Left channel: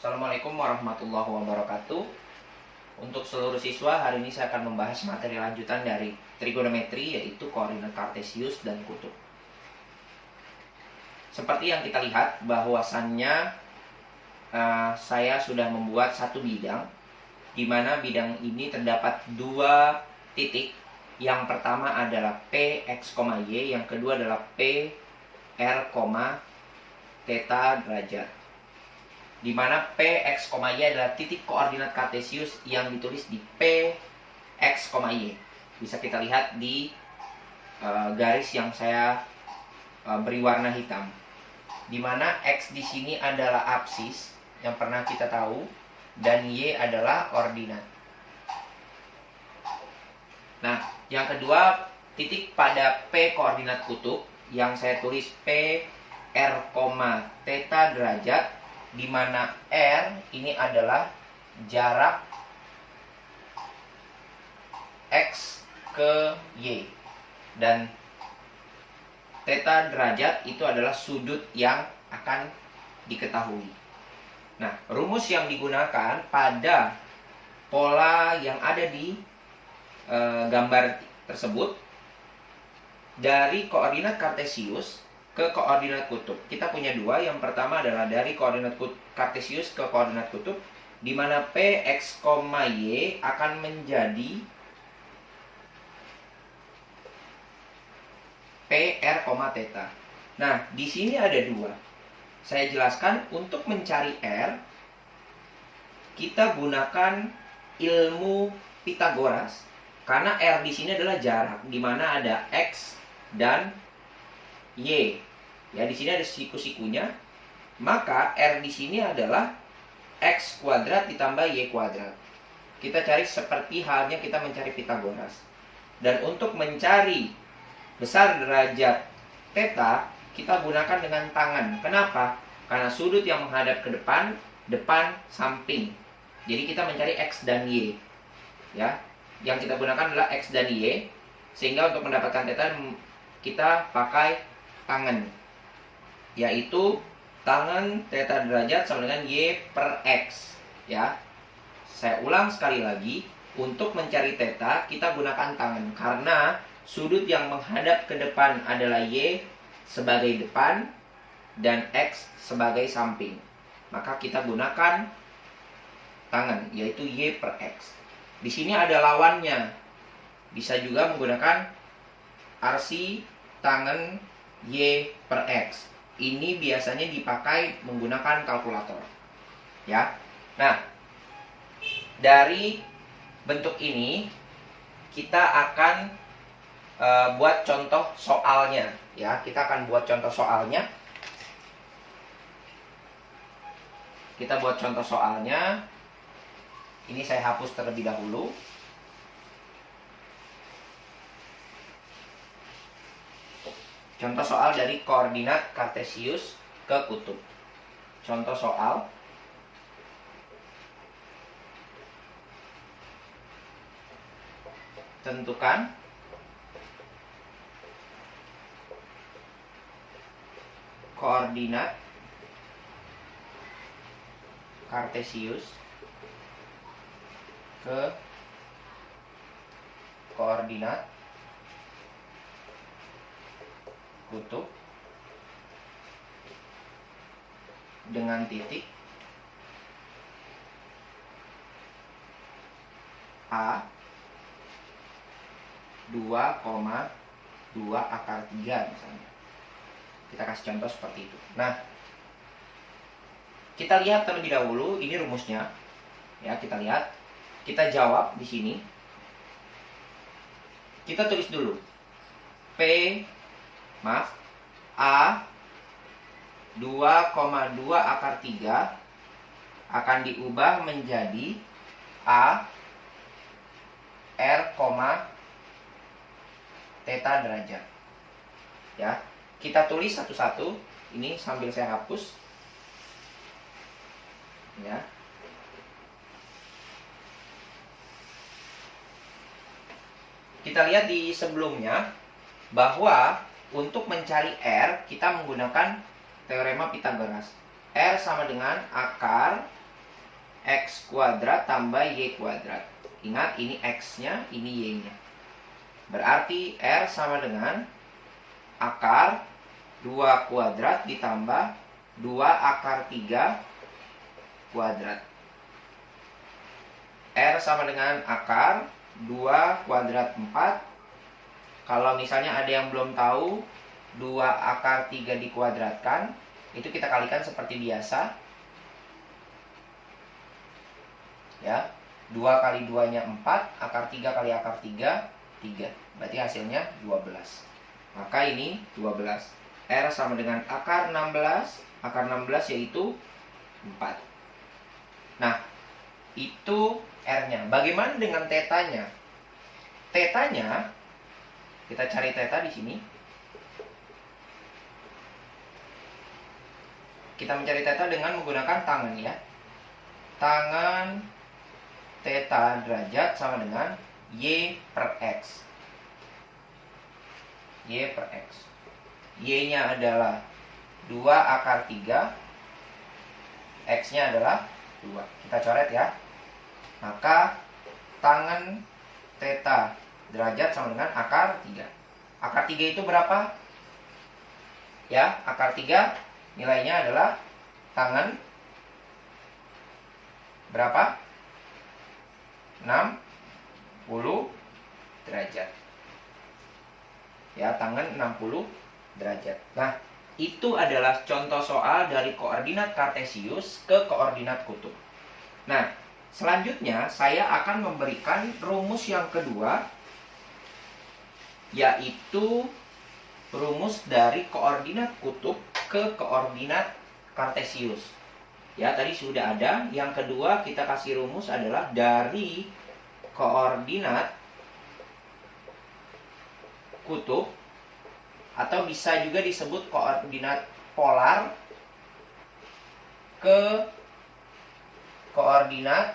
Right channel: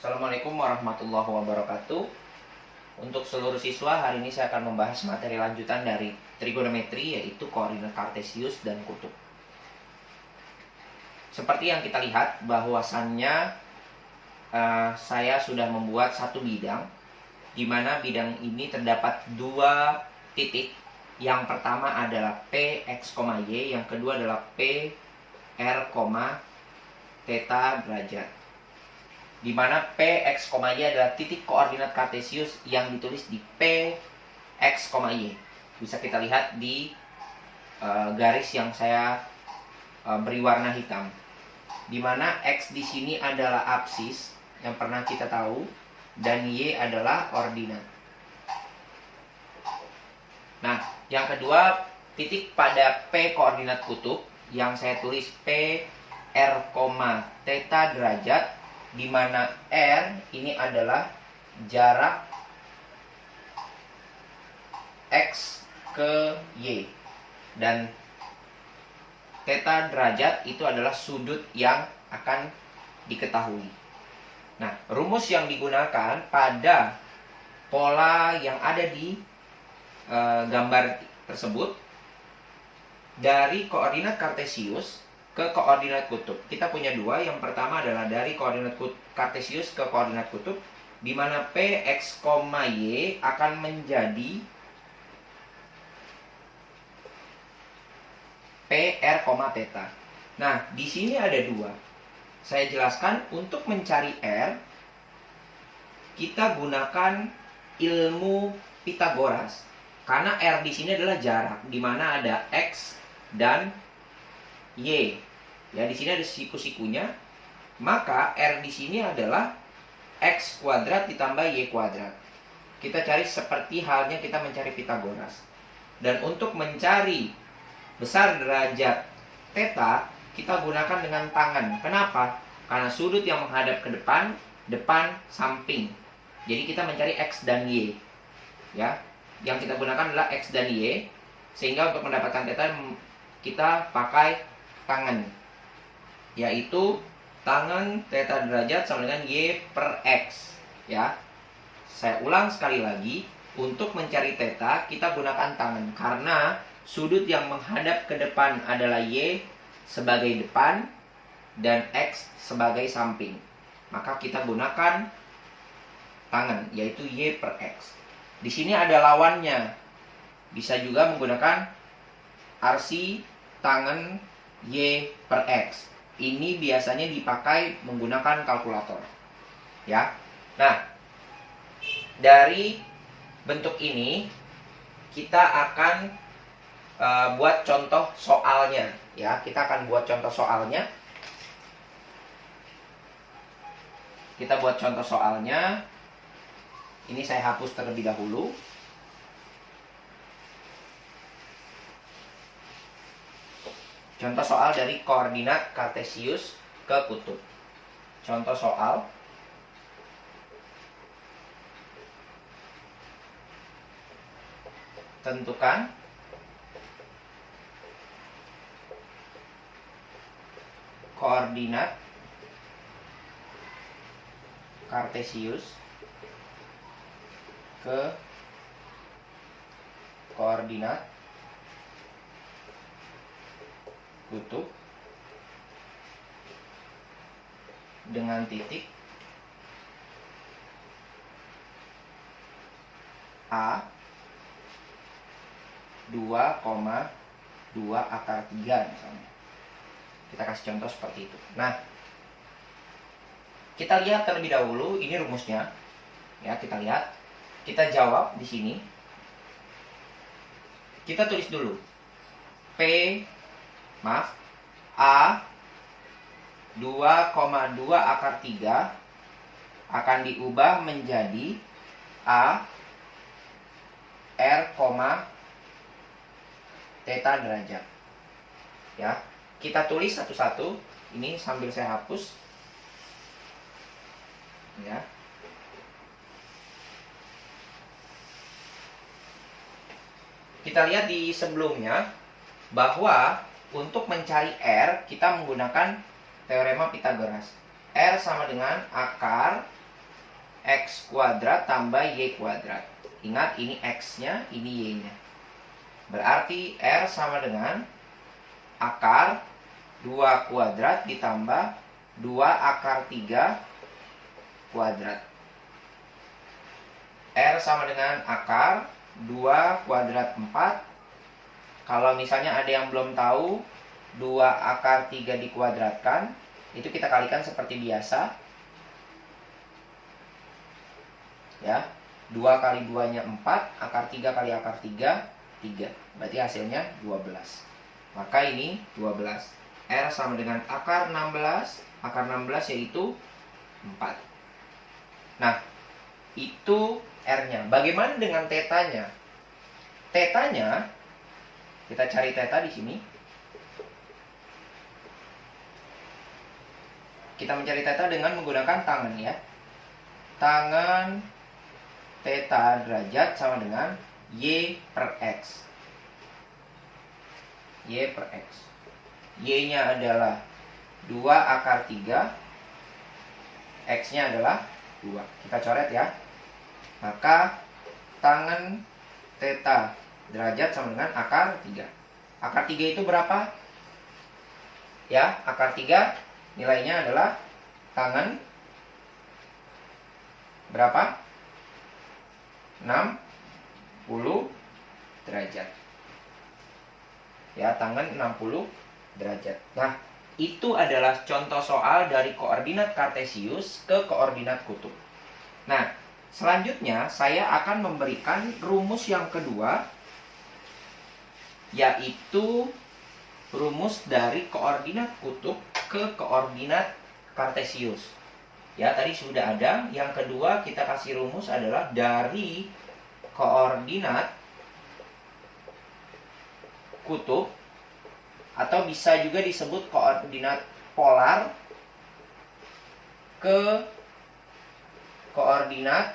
Assalamualaikum warahmatullahi wabarakatuh. Untuk seluruh siswa, hari ini saya akan membahas materi lanjutan dari trigonometri, yaitu koordinat kartesius dan kutub. Seperti yang kita lihat, bahwasannya saya sudah membuat satu bidang, di mana bidang ini terdapat dua titik. Yang pertama adalah P, X, Y, yang kedua adalah P, R, theta derajat. Di mana P, X, Y adalah titik koordinat kartesius yang ditulis di P, X, Y. Bisa kita lihat di garis yang saya beri warna hitam. Di mana X di sini adalah absis yang pernah kita tahu, dan Y adalah ordinat. Nah, yang kedua, titik pada P koordinat kutub yang saya tulis P, R, theta derajat, di mana R ini adalah jarak X ke Y, dan theta derajat itu adalah sudut yang akan diketahui. Nah, rumus yang digunakan pada pola yang ada di gambar tersebut, dari koordinat kartesius ke koordinat kutub. Kita punya dua. Yang pertama adalah dari koordinat kartesius ke koordinat kutub, di mana P, X, Y akan menjadi P, R, theta. Nah, di sini ada dua. Saya jelaskan, untuk mencari R, kita gunakan ilmu Pitagoras. Karena R di sini adalah jarak, di mana ada X dan Y. Ya, di sini ada siku-sikunya. Maka R di sini adalah X kuadrat ditambah Y kuadrat. Kita cari seperti halnya kita mencari Pitagoras. Dan untuk mencari besar derajat theta, kita gunakan dengan tangan. Kenapa? Karena sudut yang menghadap ke depan, samping. Jadi kita mencari X dan Y. Ya, yang kita gunakan adalah X dan Y. Sehingga untuk mendapatkan theta, kita pakai tangan, yaitu tangan theta derajat sama dengan Y per X. Ya, saya ulang sekali lagi, untuk mencari theta kita gunakan tangan, karena sudut yang menghadap ke depan adalah Y sebagai depan dan X sebagai samping. Maka kita gunakan tangan, yaitu Y per X. Di sini ada lawannya. Bisa juga menggunakan arsi tangan Y per X. Ini biasanya dipakai menggunakan kalkulator. Ya. Nah, dari bentuk ini kita akan buat contoh soalnya. Ya, kita akan buat contoh soalnya. Kita buat contoh soalnya. Ini saya hapus terlebih dahulu. Contoh soal dari koordinat kartesius ke kutub. Contoh soal. Tentukan koordinat kartesius ke koordinat kutub dengan titik A 2,2/3 misalnya. Kita kasih contoh seperti itu. Nah, kita lihat terlebih dahulu, ini rumusnya. Ya, kita lihat. Kita jawab di sini. Kita tulis dulu. A 2,2/3 akan diubah menjadi A R, theta derajat. Ya, kita tulis satu-satu. Ini sambil saya hapus. Ya. Kita lihat di sebelumnya bahwa untuk mencari R kita menggunakan teorema Pitagoras. R sama dengan akar X kuadrat tambah Y kuadrat. Ingat, ini X-nya, ini Y-nya. Berarti R sama dengan akar 2 kuadrat ditambah 2 akar 3 kuadrat. R sama dengan akar 2 kuadrat 4. Kalau misalnya ada yang belum tahu, 2 akar 3 dikuadratkan, itu kita kalikan seperti biasa. Ya, 2 kali 2-nya 4, akar 3 kali akar 3, 3. Berarti hasilnya 12. Maka ini 12. R sama dengan akar 16. Akar 16 yaitu 4. Nah, itu R-nya. Bagaimana dengan tetanya? Tetanya, kita cari teta di sini. Kita mencari teta dengan menggunakan tangan ya. Tangan teta derajat sama dengan Y per X. Y per X. Y-nya adalah 2 akar 3. X-nya adalah 2. Kita coret ya. Maka tangan teta derajat sama dengan akar 3. Akar 3 itu berapa? Ya, akar 3 nilainya adalah tangan berapa? 60 derajat. Ya, tangan 60 derajat. Nah, itu adalah contoh soal dari koordinat kartesius ke koordinat kutub. Nah, selanjutnya saya akan memberikan rumus yang kedua, yaitu rumus dari koordinat kutub ke koordinat kartesius. Ya, tadi sudah ada. Yang kedua kita kasih rumus adalah dari koordinat kutub, atau bisa juga disebut koordinat polar, ke koordinat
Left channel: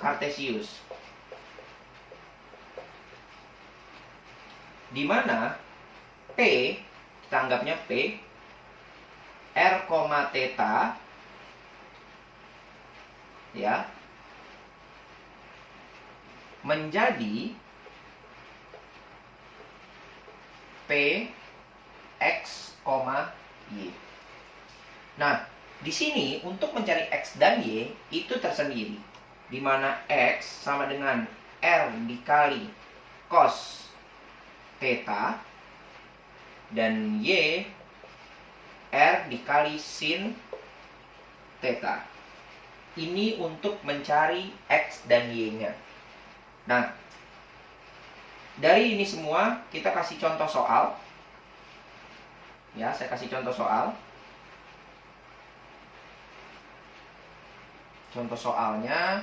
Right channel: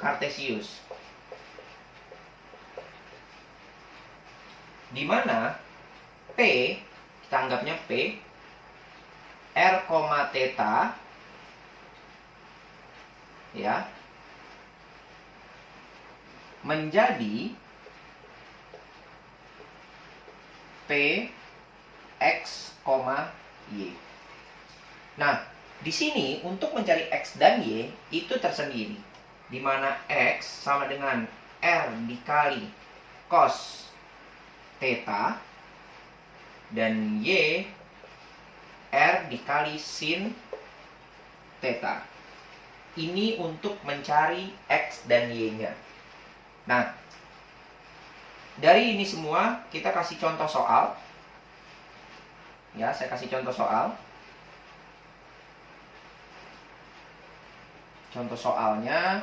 kartesius. Di mana P, kita anggapnya P, R, theta, ya, menjadi P, X, Y. Nah, di sini untuk mencari X dan Y itu tersendiri, di mana X sama dengan R dikali cos theta, dan Y R dikali sin theta. Ini untuk mencari X dan Y-nya. Nah, dari ini semua kita kasih contoh soal. Ya, saya kasih contoh soal. Contoh soalnya,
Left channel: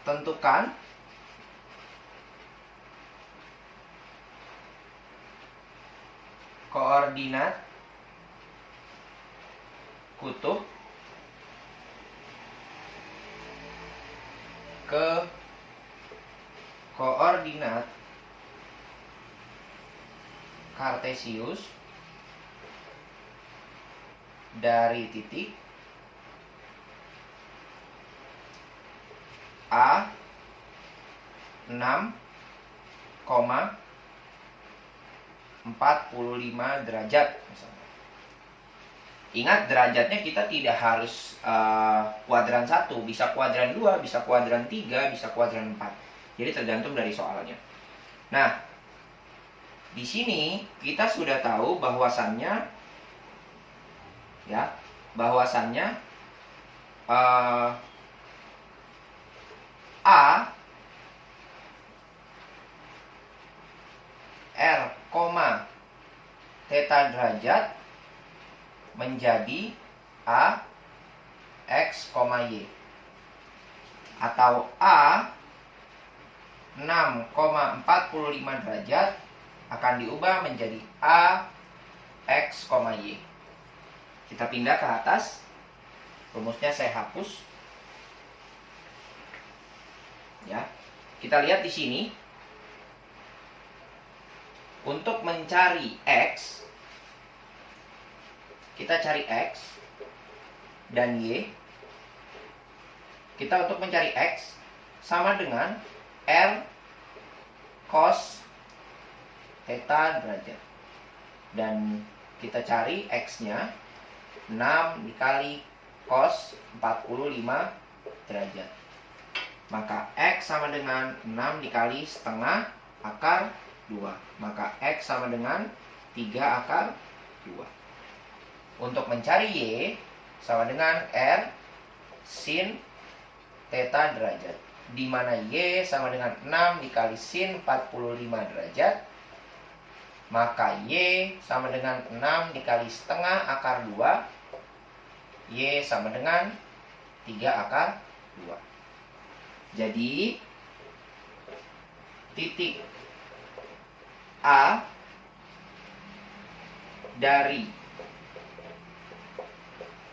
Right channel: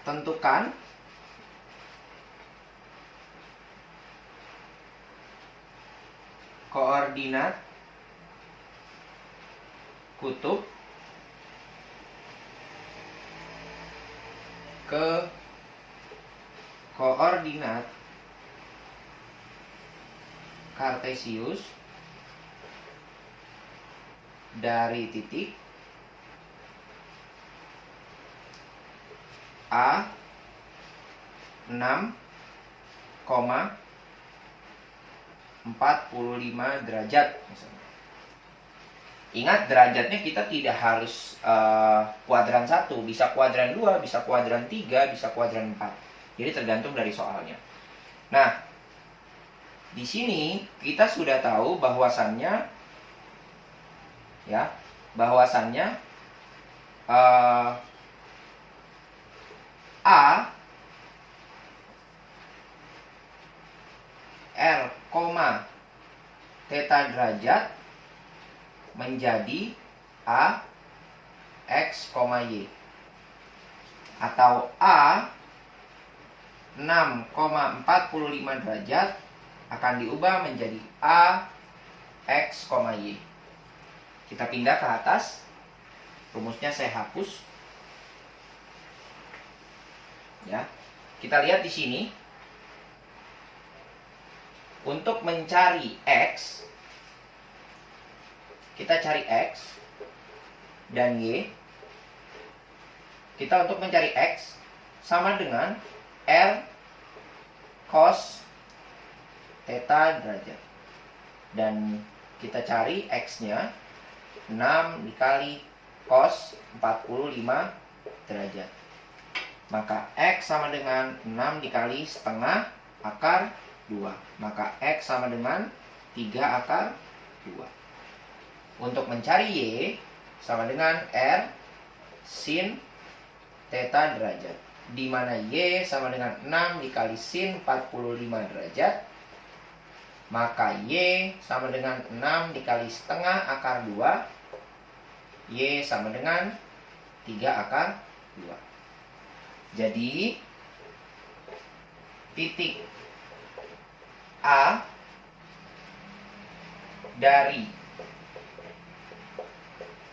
tentukan koordinat kutub ke koordinat kartesius dari titik A 6,45 derajat misalnya. Ingat, derajatnya kita tidak harus kuadran 1, bisa kuadran 2, bisa kuadran 3, bisa kuadran 4. Jadi tergantung dari soalnya. Nah, di sini kita sudah tahu bahwasannya, ya, bahwasannya A R, theta derajat menjadi A X, Y, atau A 6,45 derajat akan diubah menjadi A X, Y. Kita pindah ke atas. Rumusnya saya hapus. Ya. Kita lihat di sini. Untuk mencari X, kita cari X dan Y. Kita untuk mencari X sama dengan R cos theta derajat. Dan kita cari X-nya 6 dikali cos 45 derajat. Maka X sama dengan 6 dikali setengah akar 2. Maka X sama dengan 3 akar 2. Untuk mencari Y sama dengan R sin theta derajat. Di mana Y sama dengan 6 dikali sin 45 derajat. Maka Y sama dengan 6 dikali setengah akar 2. Y sama dengan 3 akar 2. Jadi titik A dari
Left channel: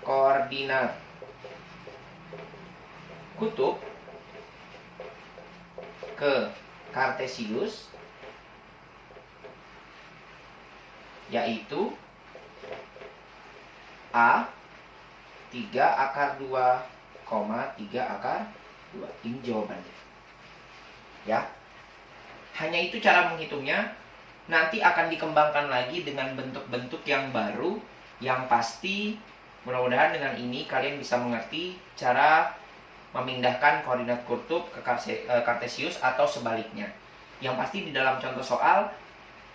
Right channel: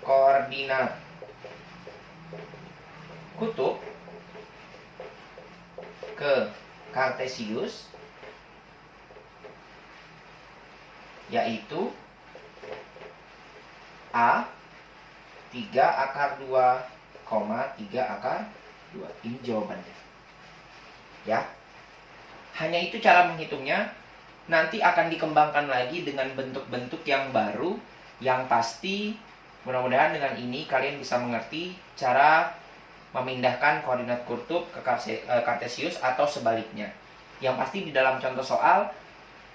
koordinat kutub ke kartesius yaitu A 3 akar 2, 3 akar 2. Ini jawabannya. Ya. Hanya itu cara menghitungnya. Nanti akan dikembangkan lagi dengan bentuk-bentuk yang baru, yang pasti mudah-mudahan dengan ini kalian bisa mengerti cara memindahkan koordinat kutub ke kartesius atau sebaliknya. Yang pasti di dalam contoh soal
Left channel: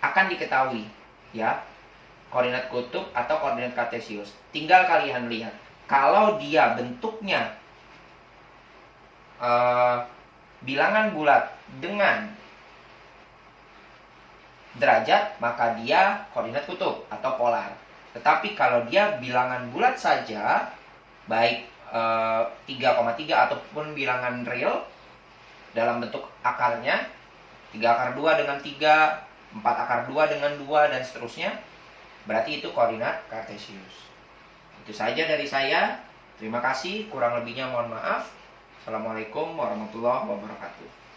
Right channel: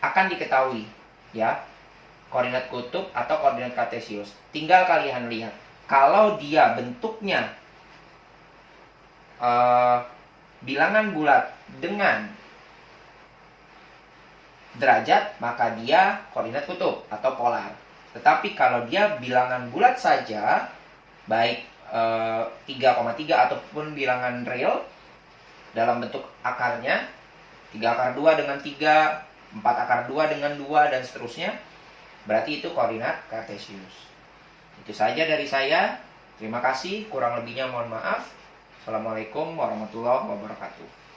akan diketahui ya, koordinat kutub atau koordinat kartesius. Tinggal kalian lihat, kalau dia bentuknya bilangan bulat dengan derajat, maka dia koordinat kutub atau polar. Tetapi kalau dia bilangan bulat saja, baik 3,3 ataupun bilangan real dalam bentuk akarnya, 3 akar 2 dengan 3, 4 akar 2 dengan 2, dan seterusnya, berarti itu koordinat kartesius. Itu saja dari saya. Terima kasih, kurang lebihnya mohon maaf. Assalamualaikum warahmatullahi wabarakatuh.